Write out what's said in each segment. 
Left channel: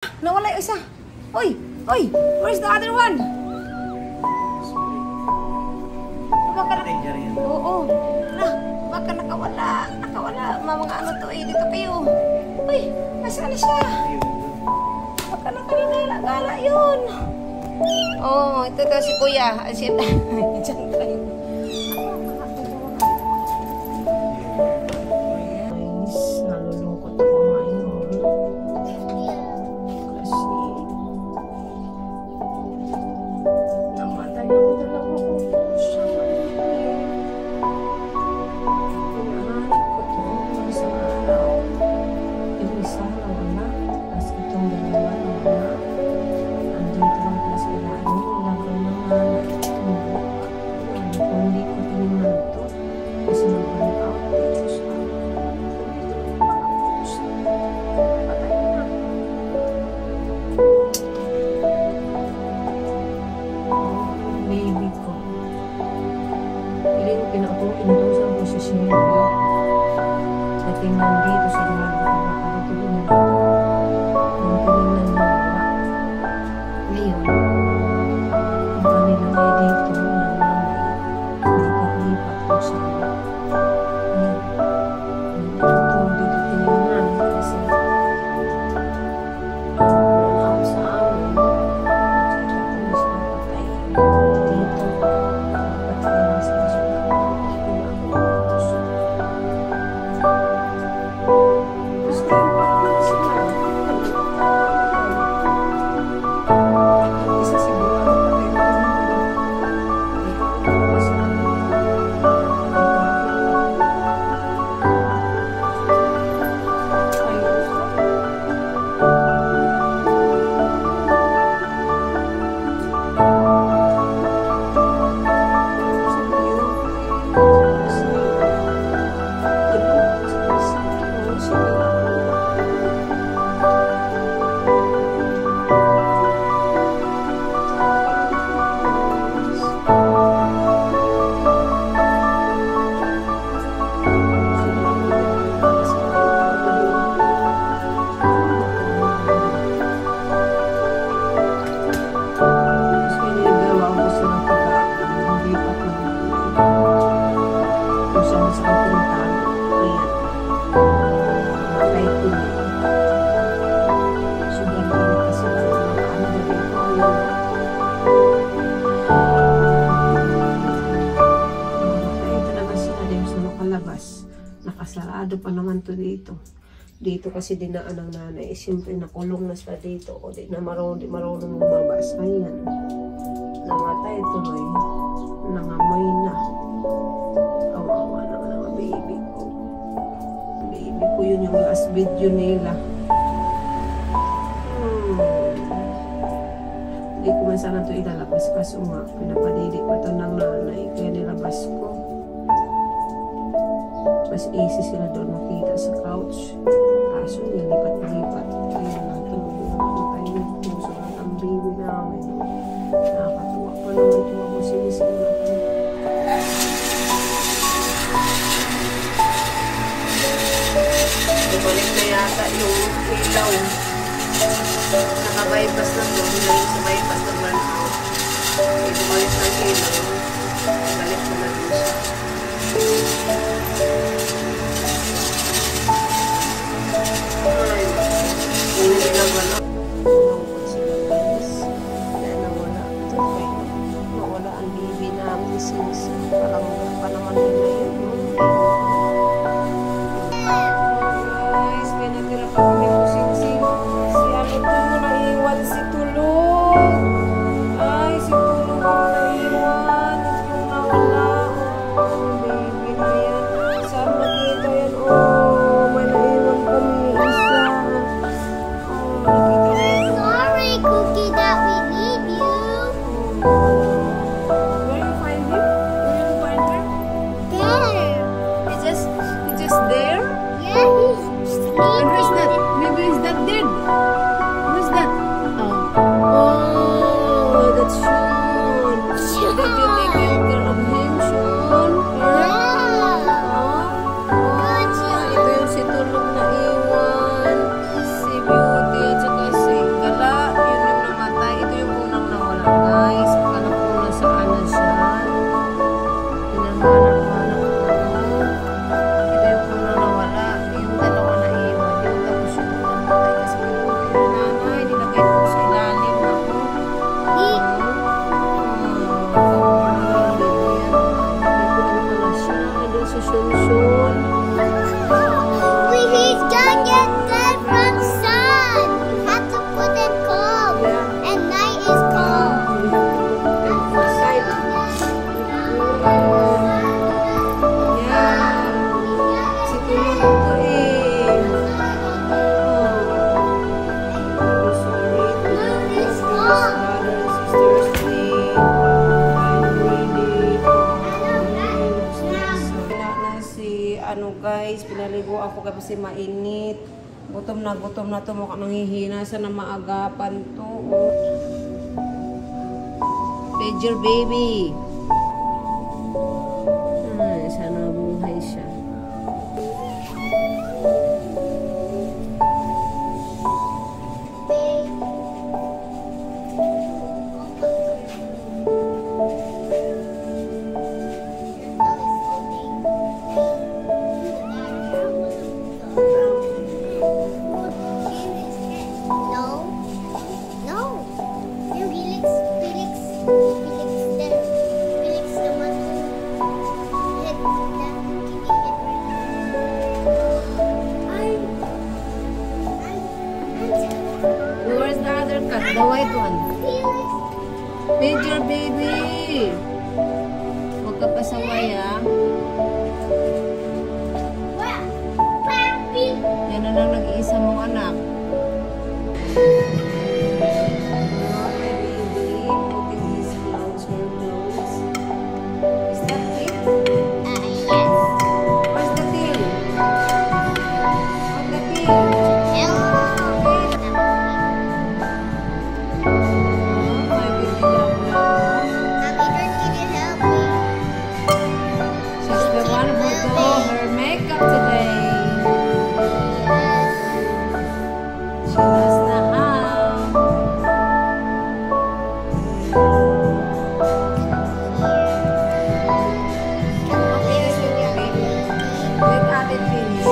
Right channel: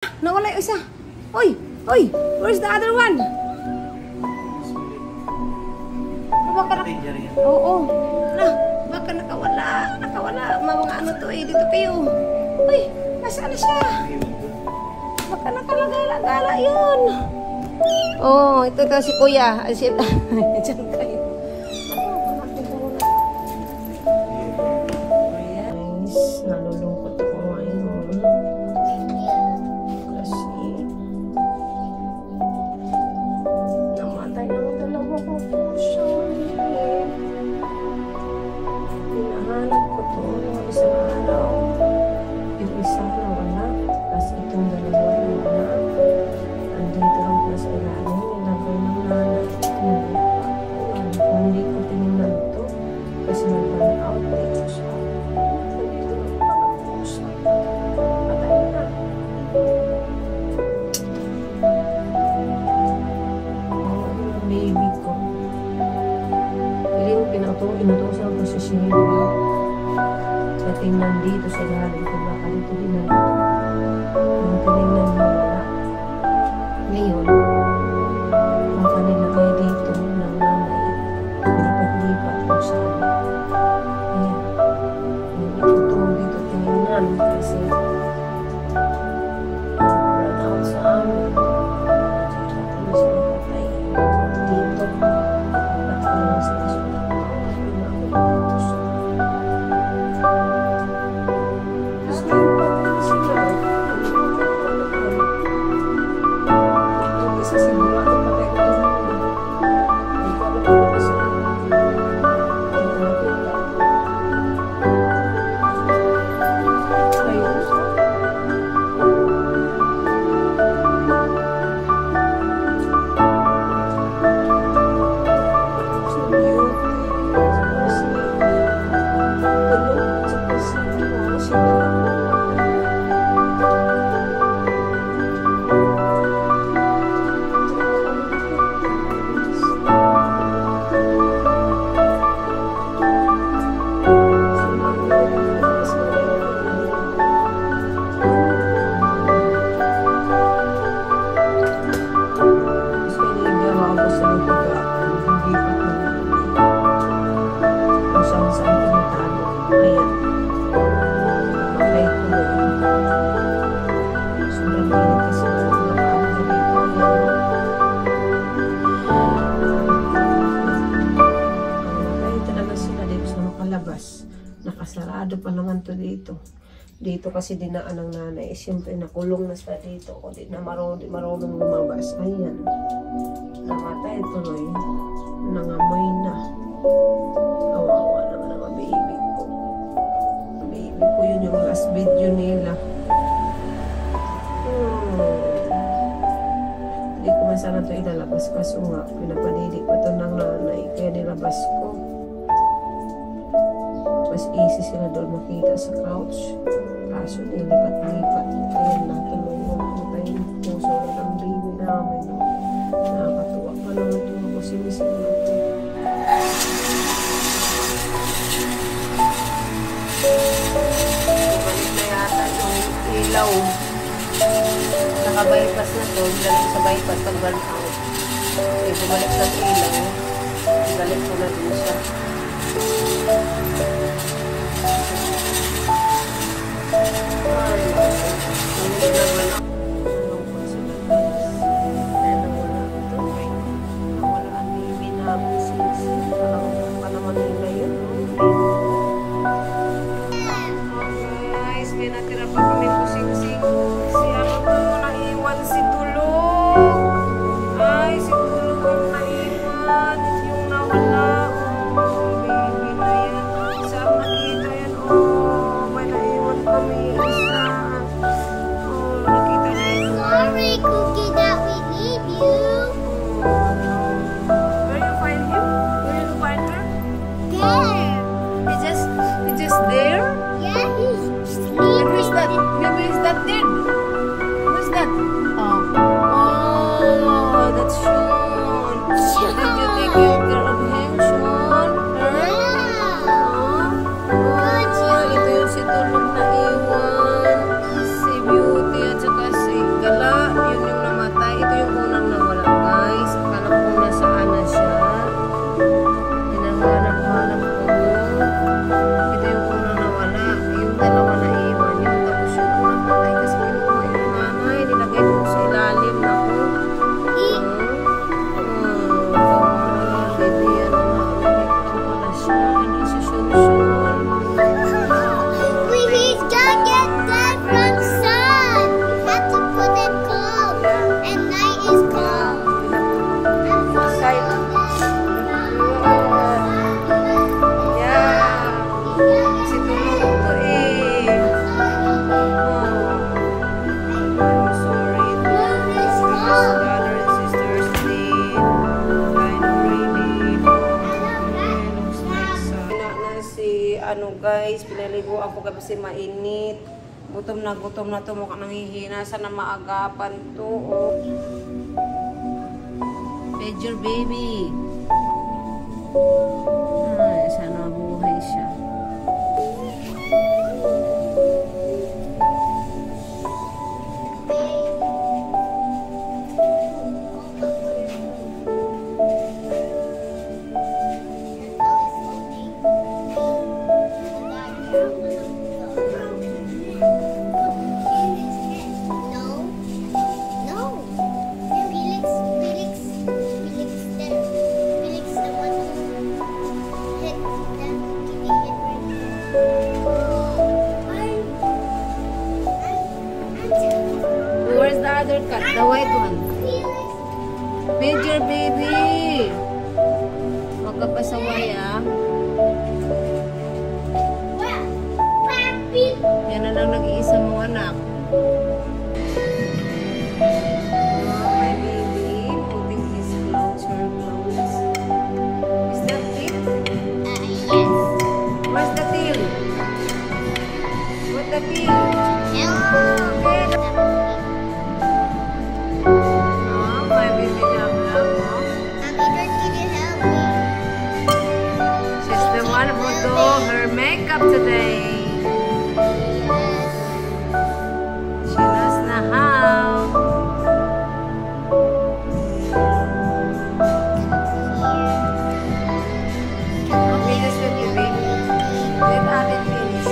Nawala yung isa. Uy! Uy! Where's the other one? Baka oo. Baka nakawala. Nakawala. Mga ano to eh. Dito kayo. Uy! Nasaan na siya? Baka nakalagala yun. Oh, ito si Kuya. Diyan kayo. Guys, nalulungkot ako ngayon. Kasi namatay ang dalawa ko pusa. Hinahanap ko ito isang araw. Yung isa ng anak. Tapos itong dalawa ng anak. Andito lang pala sa ilalim. Nilagay ng nanay. Kung hindi ko tinignan ito. Kasi nag-burn out dito siya. Baby ko. Piling pinakong inutosan ko sa Shelly. Sa tingnan dito sa ilalim ko baka dito dinala. Ang tinignan mo wala. Ngayon, ang kanilagay dito ng nanay, lipat-lipat kung saan. Ngayon, ito dito tinignan kasi burn out sa amin. Nakasarado pa naman to dito. Dito kasi dinaan ng nanay. Siyempre nakulong na sila dito. O di na marunong lumabas. Ayan. Namatay tuloy. Nangamoy na. Kawawa naman ang baby ko. Baby ko yun yung last video nila. Hindi ko man sana ito ilalabas. Kaso nga, pinapadidik pa ito ng nanay. Kaya nilabas ko. Mas easy sila doon makita sa couch. Kaso nilipat-lipat. Kaya natuloy na namatay yung puso ng baby namin. Nakakatuwa pa naman ito. Sinising natin. Bumalik na yata yung ilaw. Naka-bypass na to. Galing sa bypass ng burn out. Bumalik ng ilaw. Galing ko na din siya. Hindi na wala. Malungkot sila guys. Kaya nawala ito. Nawala ang baby namin since parang pa naman nila yun. Guys, may natira pa kami kusing-sing. Si ano to, naiwan si Tulog. Ay, si Tulog ang naiwan. Yung nawala. Oh, baby na yan. Saan makita yan? Oh, may naiwan kami isa. Oh, guys. Pinaligo ako kasi mainit. Gutom na to. Mukha nanghihina. Sana maagapan to. Oh. Feed your baby. Ay, sana mabuhay siya. Where's the other cat? The white one. Feed your baby. Huwag ka pasaway, ah. Yan na lang nag-iisa mong anak. My baby, putting his clothes, her clothes. Is that it? Yes. Where's the tail? What's the tail? Makeup today. She knows na how. Okay, this will be baby. Let Ate finish.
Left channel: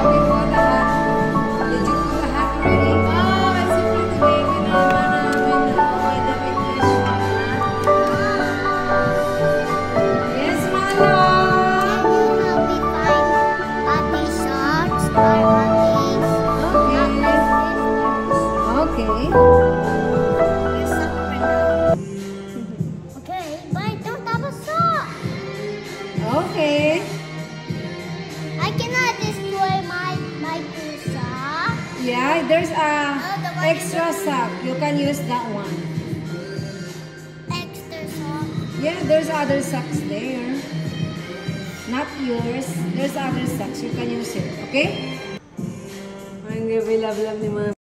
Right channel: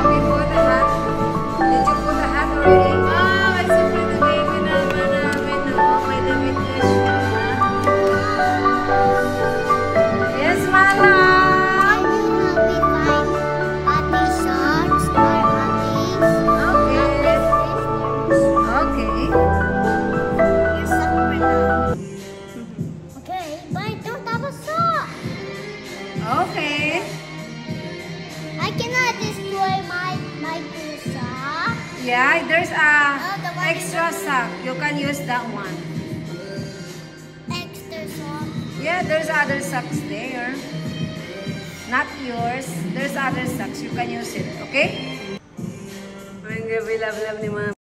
Okay, put the hat. Did you put the hat already? Oh, it's a pretty baby naman namin. Oh, may damit niya siya. Yes, Mala. Can you help me find Ate socks or Ate's? Okay. Here's some for now. Okay, but I don't have a sock. Okay. I cannot destroy my two socks. Yeah, there's a the one extra sock. You can use that one. Extra sock. Yeah, there's other socks there. Not yours. There's other socks. You can use it. Okay? Ang gabi, love ni Mama.